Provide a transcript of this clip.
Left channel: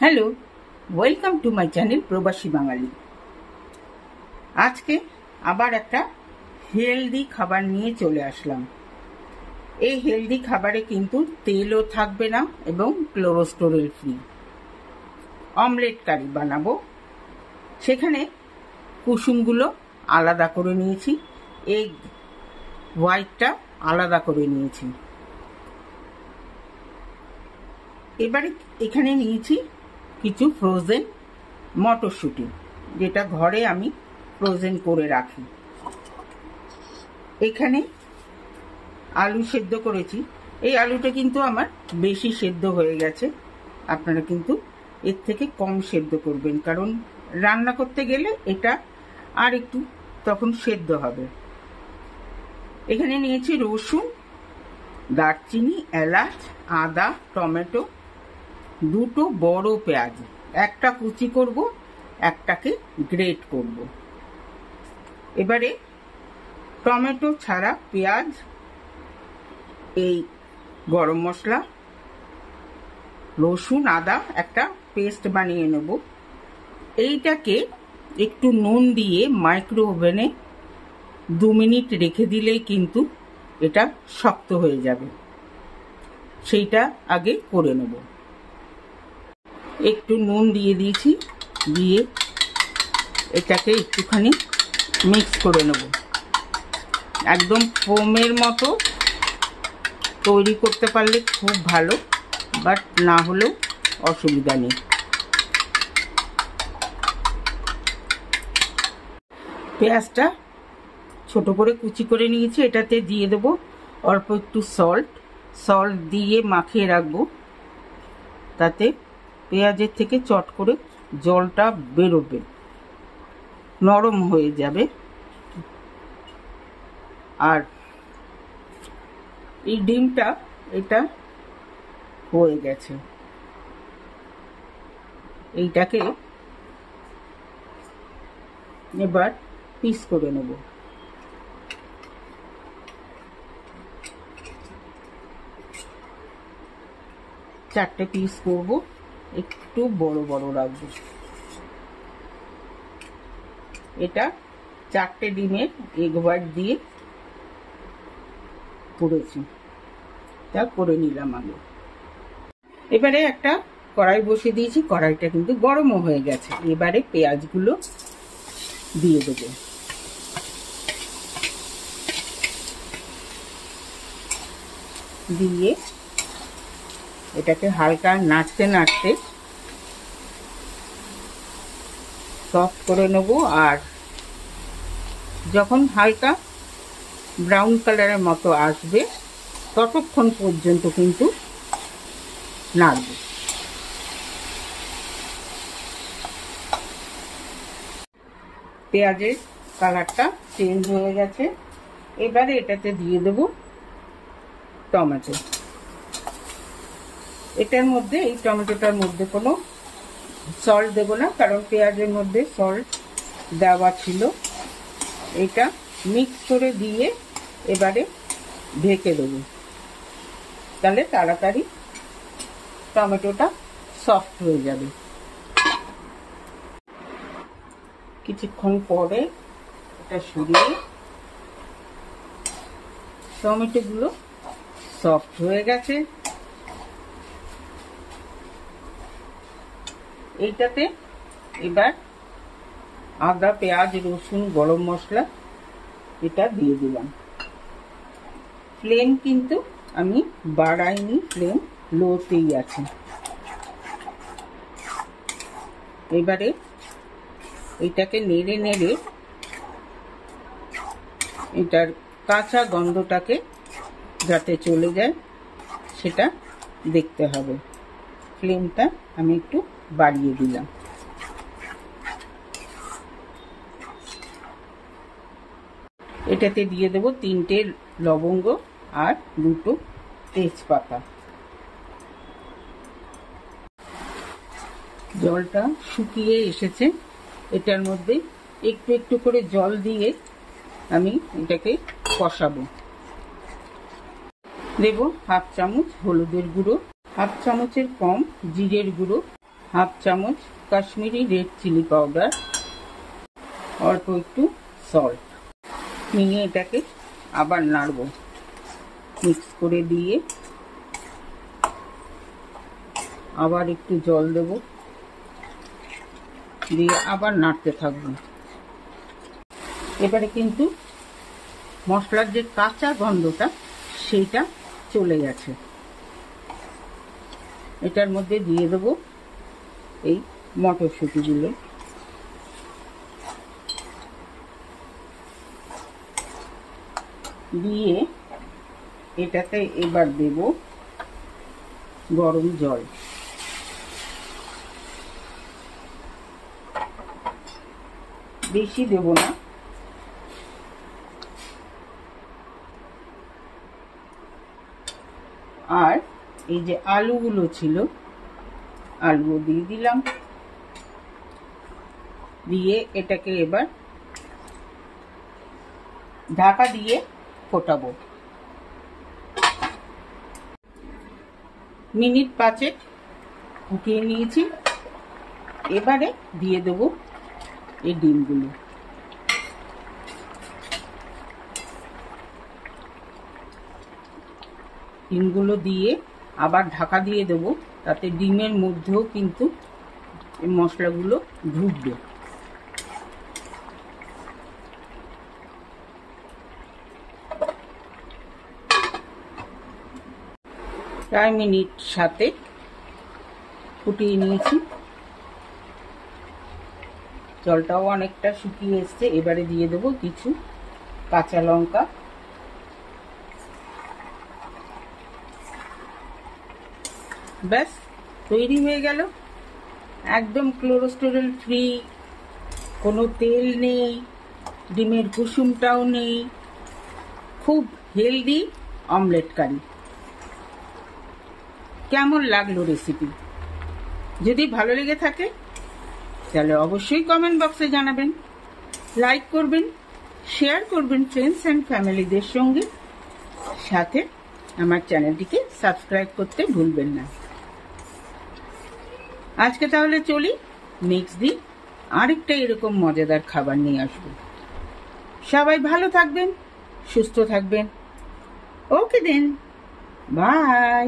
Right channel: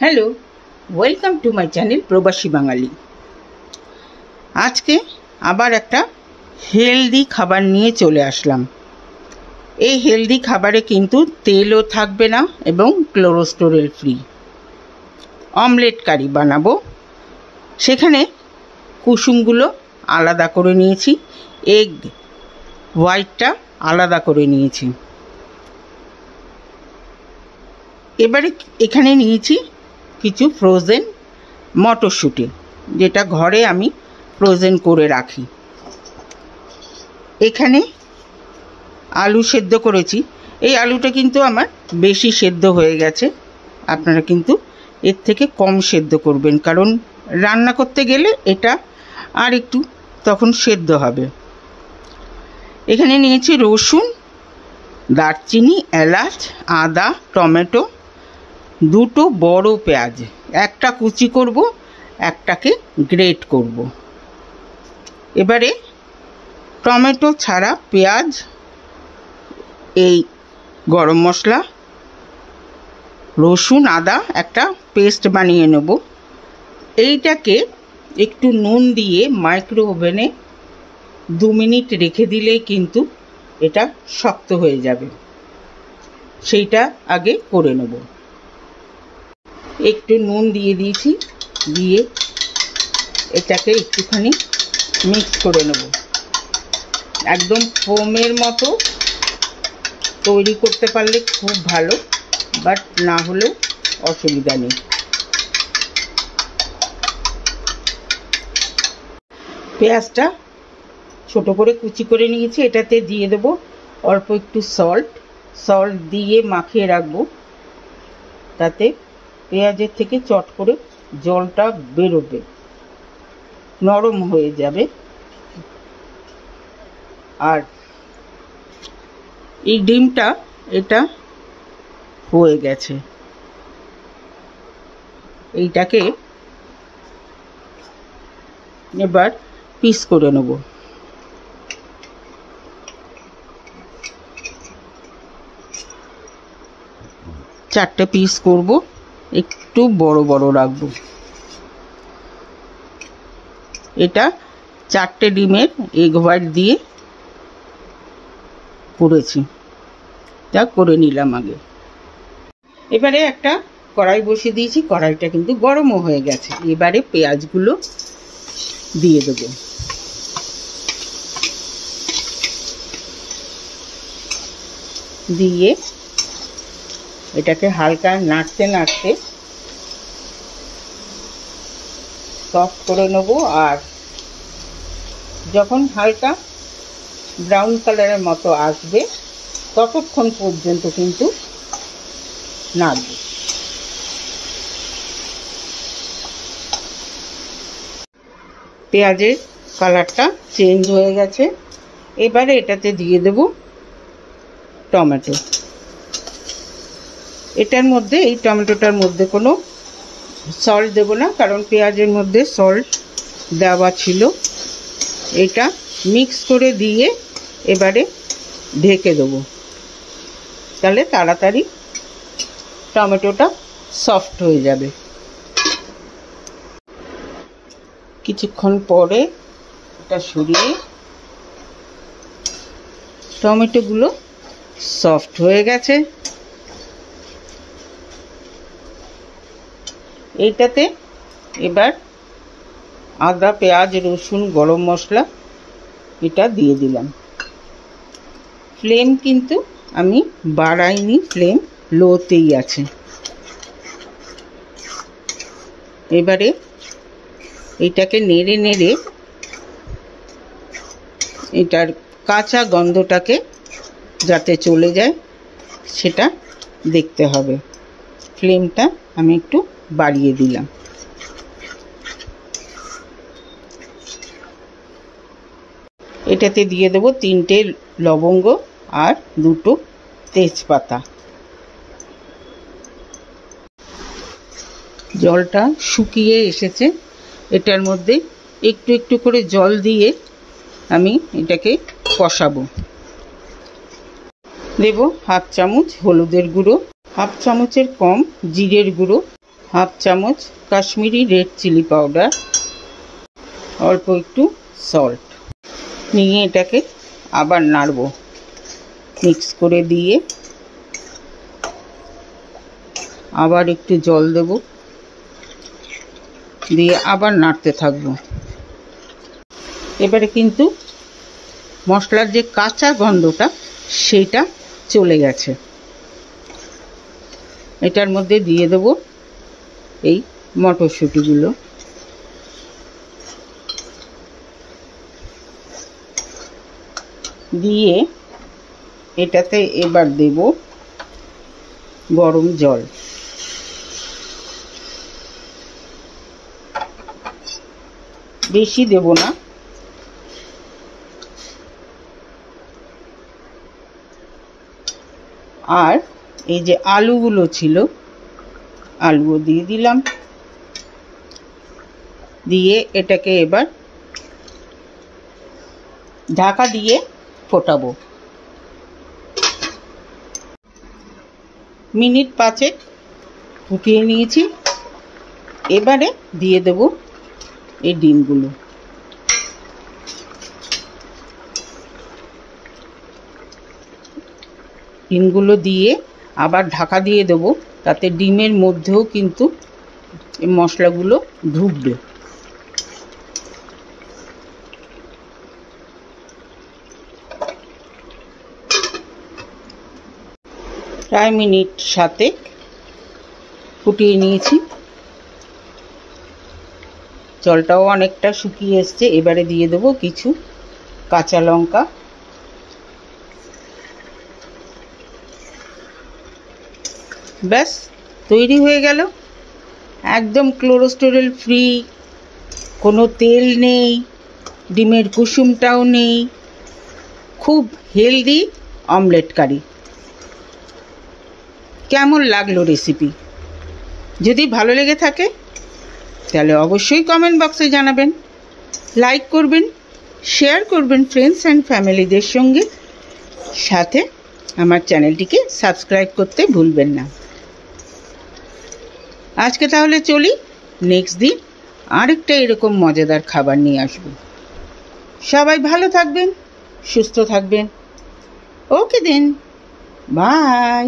Hello, welcome to my channel প্রবাসী বাঙালি। আজকে আবার একটা হেলদি খাবার নিয়ে চলে আসলাম। এই হেলদি খাবারে কিন্তু তেলও থাকবে না এবং কোলেস্টেরল ফ্রি অমলেট কারি বানাবো। সেখানে কুসুমগুলো আলাদা করে নিয়েছি, এগ হোয়াইটটা আলাদা করে নিয়েছি। এবারে এখানে নিয়েছি কিছু ফ্রোজেন মটরশুঁটি, যেটা ঘরে আমি ফ্রোজেন করে রাখি। এখানে আলু সেদ্ধ করেছি। এই আলুটা কিন্তু আমার বেশি সেদ্ধ হয়ে গেছে, আপনারা কিন্তু এর থেকে কম সেদ্ধ করবেন, কারণ রান্না করতে গেলে এটা আর একটু তখন সেদ্ধ হবে। এখানে নিয়েছি রসুন, দারচিনি, এলাচ, আদা, টমেটো, দুটো বড় পেঁয়াজ, একটা কুচি করব, একটাকে গ্রেট করব। এবারে টমেটো ছাড়া পেঁয়াজ, এই গরম মশলা, রসুন, আদা একটা পেস্ট বানিয়ে নেব। এইটাকে একটু নুন দিয়ে মাইক্রো ওভেনে 2 মিনিট রেখে দিলেই কিন্তু এটা শক্ত হয়ে যাবে। সেইটা আগে করে নেব। একটু নুন দিয়ে দিয়েছি, দিয়ে এটাকে একটুখানি মিক্স করে নেব। একদম ফোমের মতো তৈরি করতে পারলে খুব ভালো, বাট না হলেও অসুবিধা নেই। পেঁয়াজটা ছোট করে কুচি করে নিয়েছি, এটাতে দিয়ে দেব অল্প একটু সল্ট দিয়ে মাখিয়ে রাখবো, তাতে পেঁয়াজের থেকে চট করে জলটা বেরোবে, নরম হয়ে যাবে। আর এই ডিমটা এটা হয়ে গেছে, এইটাকে এবার পিস করে নেব। চারটে পিস করব, একটু বড় বড় রাখবো। এটা 4টে ডিমের এগ হোয়াইট দিয়ে করেছি, যা করে নিলাম আগে। এবারে একটা কড়াই বসিয়ে দিয়েছি, কড়াইটা কিন্তু গরমও হয়ে গেছে। এবারে পেঁয়াজগুলো দিয়ে দেবো। দিয়ে এটাকে হালকা নাড়তে নাড়তে সফট করে নেব। আর যখন হালকা ব্রাউন কালারের মতো আসবে ততক্ষণ পর্যন্ত কিন্তু নাড়ব। পেঁয়াজের কালারটা চেঞ্জ হয়ে গেছে। এবারে এটাতে দিয়ে দেব টমেটো। এই টমেটোটার মধ্যে কোনো সল্ট দেব না, কারণ পেঁয়াজের মধ্যে সল্ট দেওয়া ছিল। এটা মিক্স করে দিয়ে এবারে ঢেকে দেবো, তাহলে তাড়াতাড়ি টমেটোটা সফট হয়ে যাবে। কিছুক্ষণ পরে এটা সরিয়ে টমেটোগুলো সফট হয়ে গেছে। এইটাতে এবার আদা, পেঁয়াজ, রসুন, গরম মশলা এটা দিয়ে দিলাম। ফ্লেম কিন্তু আমি বাড়াইনি, ফ্লেম লোতেই আছে। এবারে এটাকে নেড়ে নেড়ে এটার কাঁচা গন্ধটাকে যাতে চলে যায় সেটা দেখতে হবে। ফ্লেমটা আমি একটু বাড়িয়ে দিলাম। এটাতে দিয়ে দেবো 3টে লবঙ্গ আর 2টো তেজপাতা। জলটা শুকিয়ে এসেছে, এটার মধ্যে একটু একটু করে জল দিয়ে আমি এটাকে কষাবো। দেব 1/2 চামচ হলুদের গুঁড়ো, 1/2 চামচের কম জিরের গুঁড়ো, হাফ চামচ কাশ্মীরি রেড চিলি পাউডার, অল্প একটু সল্ট নিয়ে এটাকে আবার নাড়ব। মিক্স করে দিয়ে আবার একটু জল দেব, দিয়ে আবার নাড়তে থাকবো। এবারে কিন্তু মশলার যে কাঁচা গন্ধটা সেটা চলে গেছে। এটার মধ্যে দিয়ে দেব এই মটরশুঁটিগুলো, দিয়ে এটাতে এবার দেব গরম জল। বেশি দেব না, আর এই যে আলুগুলো ছিল আলুও দিয়ে দিলাম, দিয়ে এটাকে এবার ঢাকা দিয়ে ফোটাবো। মিনিট 5 ফুটিয়ে নিয়েছি। এবারে দিয়ে দেব এই ডিমগুলো। ডিমগুলো দিয়ে আবার ঢাকা দিয়ে দেব, তাতে ডিমের মধ্যেও কিন্তু এই মশলাগুলো ঢুকবে। প্রায় মিনিট 7 ফুটিয়ে নিয়েছি। জলটাও অনেকটা শুকিয়ে এসছে। এবারে দিয়ে দেবো কিছু কাঁচা লঙ্কা, ব্যাস তৈরি হয়ে গেল। একদম কোলেস্টেরল ফ্রি, কোনো তেল নেই, ডিমের কুসুমটাও নেই, খুব হেলদি অমলেট কারি। কেমন লাগলো রেসিপি? যদি ভালো লেগে থাকে তাহলে অবশ্যই কমেন্ট বক্সে জানাবেন, লাইক করবেন, শেয়ার করবেন ফ্রেন্ডস অ্যান্ড ফ্যামিলিদের সঙ্গে, সাথে আমার চ্যানেলটিকে সাবস্ক্রাইব করতে ভুলবেন না। আজকে তাহলে চলি, নেক্সট দিন আরেকটা এরকম মজাদার খাবার নিয়ে আসবো। সবাই ভালো থাকবেন, সুস্থ থাকবেন। ওকে দেন, বাই।